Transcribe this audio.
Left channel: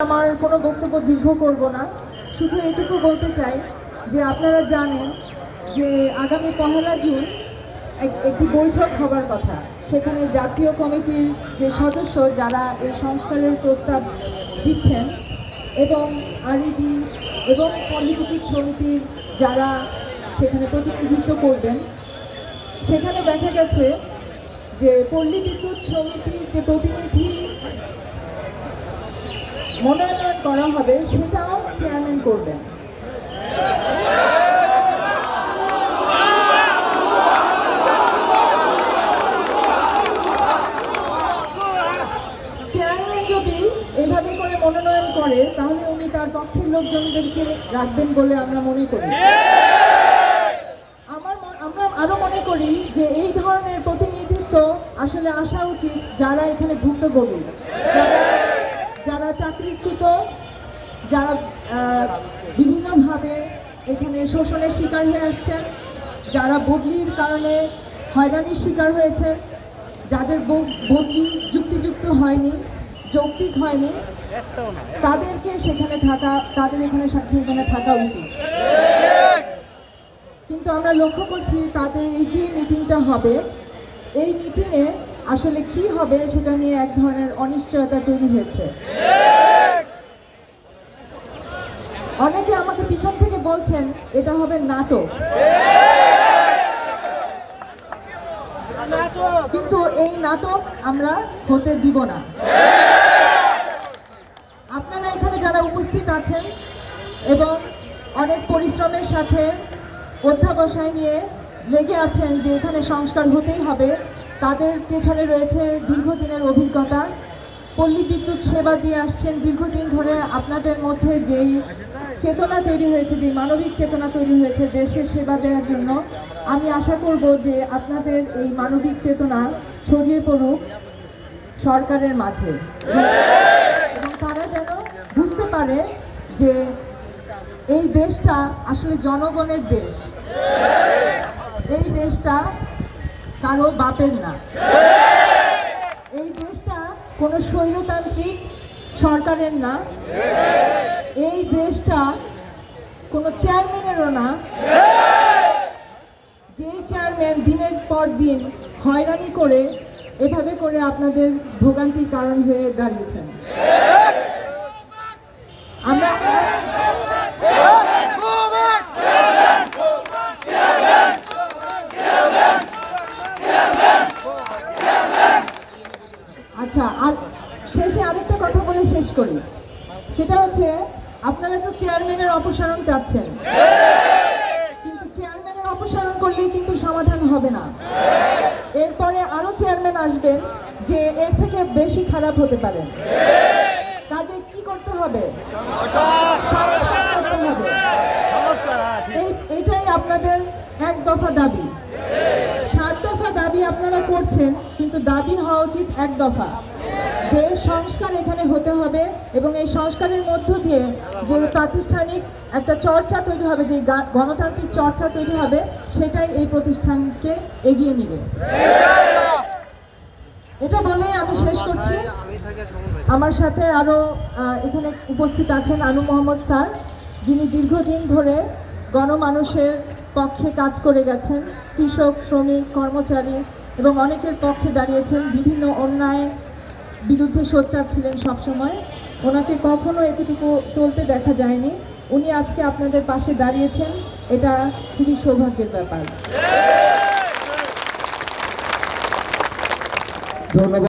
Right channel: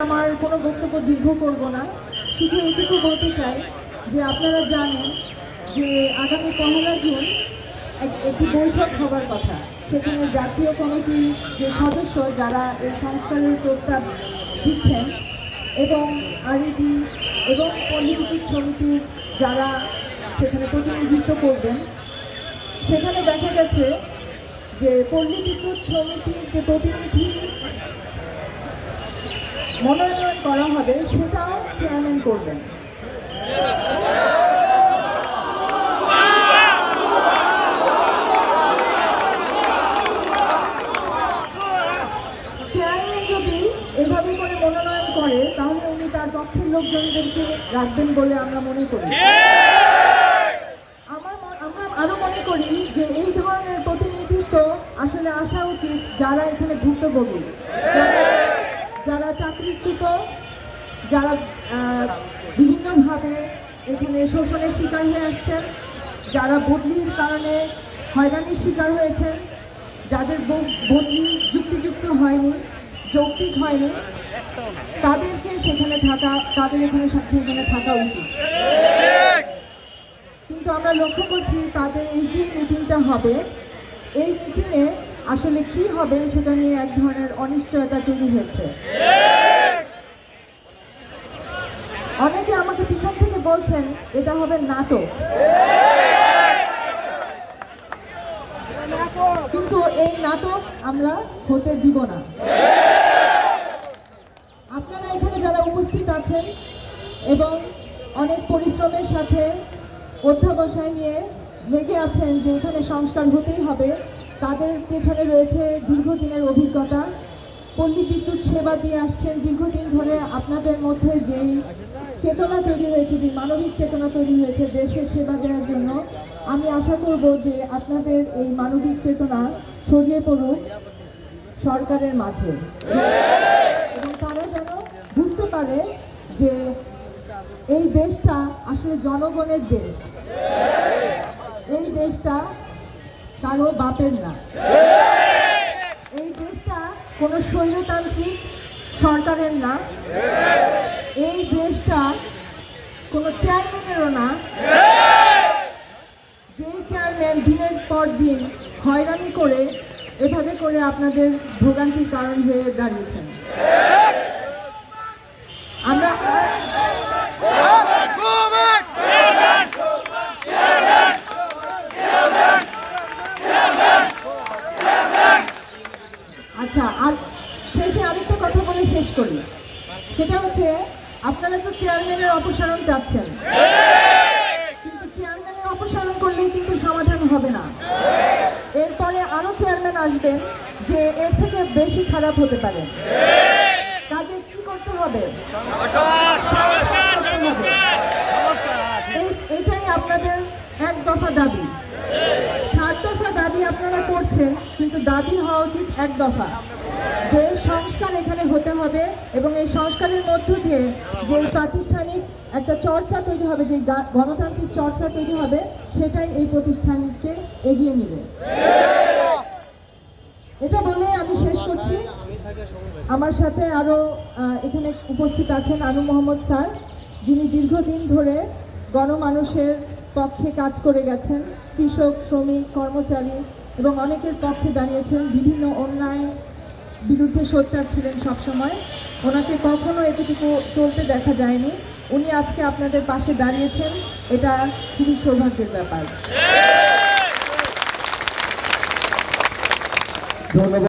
আমার কোনো বক্তব্য দীর্ঘ করব না। শুধু এটুকু বলতে চাই যে আপনারা জানেন যে আগামী পহেলা জুন এক- একটি বৈঠক হবার কথা। সেখানে জাতীয় কমিটির যে সদস্য যারা এই সংস্কারের প্রস্তাব দিচ্ছেন এবং আরইবি এবং পল্লীবিদ্যুৎ সমিতির যারা সেখানে প্রতিনিধিত্ব করবেন, সেখানে দেখা গেছে যে পল্লী বিদ্যুৎ সমিতির যে প্রতিনিধি মনোনয়ন করা হবে সেটাও চেয়ারম্যান করবেন। চেয়ারম্যান যদি এভাবে করে মনোনয়ন করে, তাহলে উনি তার পক্ষের লোকজনদেরকে রাখবেন বলে আমরা মনে করি। আমার আরও মনে করি যে এই ধরনের প্রতিনিধিত্ব আসলে আসা উচিত যারা এখানে ঘুরতে ভুক্তভোগী যারা- যারা চাকরিচ্যুত যারা বিভিন্নভাবে এখানে শোষণের শিকার হয়ে আসছেন যারা বদলির কারণে হয়রানির শিকার হয়েছে, যাদের বদলি যুক্তিযুক্ত হয়নি, যৌক্তিক হয়নি, তাদেরকে সেখানে থাকা, তাদের এখানে সাথে এখানে থাকা উচিত। কিন্তু আমরা লক্ষ্য করছি তাদের এই যে মিটিংটা হবে, এই মিটিংয়ে আসলে কি হবে সেটা নিয়ে এক ধরনের অনিশ্চয়তা তৈরি হয়েছে অনেকে আমাকে পিছন থেকে বলছেন এটা হবে নাটক কিন্তু এই নাটক আমরা হতে দিব না। আপনারা এখানে যারা উপস্থিত আছেন এবং অনেক পরিশ্রমের সাথে অধ্যাবসায় নিয়ে লেগে আছেন যে এখানে সংস্কার হতেই হবে, তাদের পেছনে রয়েছে দীর্ঘদিনের অভিজ্ঞতা। পল্লী বিদ্যুৎ সেবা দিয়ে আসছেন, দীর্ঘদিন ধরে আপনাদের মধ্যে যেই চেতনা তৈরি হয়েছে, যে মানবিক চেতনা তৈরি হয়েছে দেশের সেবা দেওয়ার জন্য। আমি আশা করব যে আপনাদের এই মানবিক চেতনা ছড়িয়ে পড়ুক সরকারের মাঝে। এবং তারা যেন বুঝতে পারে যে এই দেশটা আসলে জনগণের দেশ। এই দেশটা কারও বাপের না। এই দেশটা কোনো স্বৈরতান্ত্রিক সরকারের না। এই দেশটা কোনো চেয়ারম্যানেরও না। যে চেয়ারম্যান দিনের পর দিন হয়রানি করে এভাবে করে আপনাদের ভোগান্তির কারণ হয়ে দাঁড়িয়েছেন। আমরা আচ্ছা আর শেষে আরেকটা কথা বলে শেষ করি। আপনারা তো চেয়ারম্যানের অপসারণ চাচ্ছেন। কিন্তু চেয়ারম্যানের অপসারণ করলে কিন্তু সমাধান হবে না। এরপরে আরও চেয়ারম্যান আসবেন যে এর থেকে বেশি খারাপ হতে পারে কাজে কি করতে হবে করতে হবে। এই- এটাই আপনাদের এক দফা দাবি সাত দফা দাবি আপনারা করছেন কিন্তু দাবি হওয়া উচিত এক দফা। যে সংস্কার এখানে হতে হবে এবং এই সংস্কারের মধ্য দিয়ে যে প্রাতিষ্ঠানিক একটা চর্চা তৈরি হবে, যে গণতান্ত্রিক চর্চা তৈরি হবে, সেটাই এই প্রতিষ্ঠানকে এগিয়ে নেবে। এটা বলে আমি শেষ করছি। আমার সাথে আরও এখানে উপস্থিত আছেন আনু মোহাম্মদ স্যার, যিনি দীর্ঘদিন ধরে গণমানুষের পক্ষে কাজ করে গেছেন, কৃষক, শ্রমিক, কর্মচারী এবং অনেকের পক্ষে দাঁড়িয়েছেন, বিভিন্ন অন্যায় বিরুদ্ধে সোচ্চার ছিলেন সবসময়। ওনাকে কখনো এতটুকু চলতে দেখা যায়নি। উনি আজকে আপনাদের পাশে দাঁড়িয়েছেন। এটা খুবই সৌভাগ্যের ব্যাপার। ধন্যবাদ।